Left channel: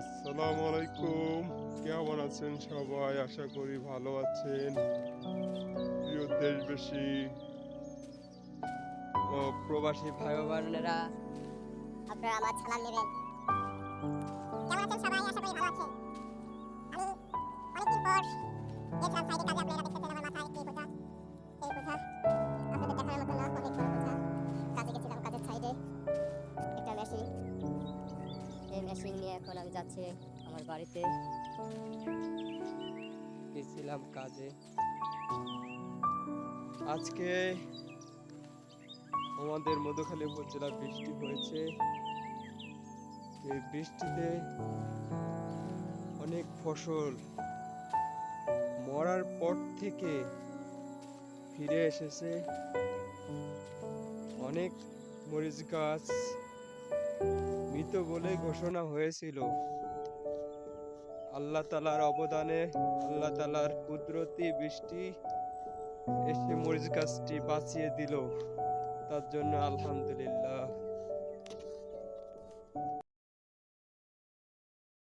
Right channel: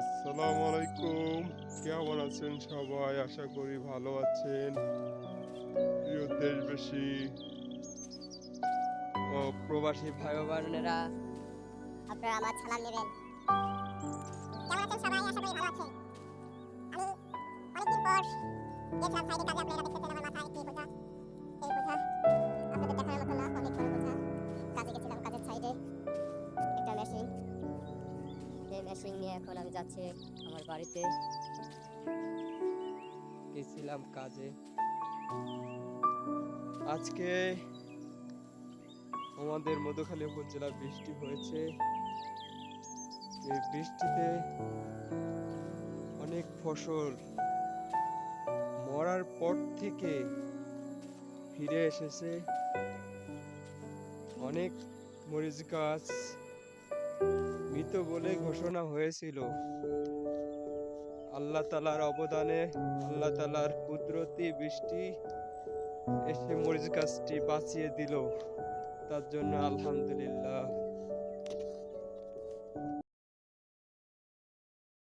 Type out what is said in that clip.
আসসালামু আলাইকুম। কেমন আছেন সবাই? আশা করি ভালো আছেন। প্রিয় দেশবাসী ও প্রবাসী ভাই ও বোনেরা, আপনারা আমার সালাম নেবেন। কেমন আছেন সবাই? আশা করি ভালো আছেন। আমি অনেকদিন পর গেছিলাম সাইডে কাজে। আপনারা দেখতেছেন আমার মাথায় কি বোঝা। এই বোঝা আপনাদের দেখার মতো না, অনেক বড় বোঝা। কাজে গেছিলাম, কাজের সাইডে একটা মেশিন। এই মেশিন নিয়ে এখন আমি যাচ্ছি আমার বাড়িতে। গেছিলাম কাজে। আজকে আমাদের মধুখালী উপজেলা বৃষ্টি হয়েছে। এই বৃষ্টিতে অনেক ফসল মরার পর থেকে ফিরে এসেছে। অনেক মরিচ গাছ মৃত বলে ঘোষণা হয়েছিল। আল্লাহ তাআলার অবদানে, আল্লাহ তাআলার কুদরতি বৃষ্টি এসে মরিচ গাছটি বাঁচিয়ে দিল। তার জন্য আলহামদুলিল্লাহ।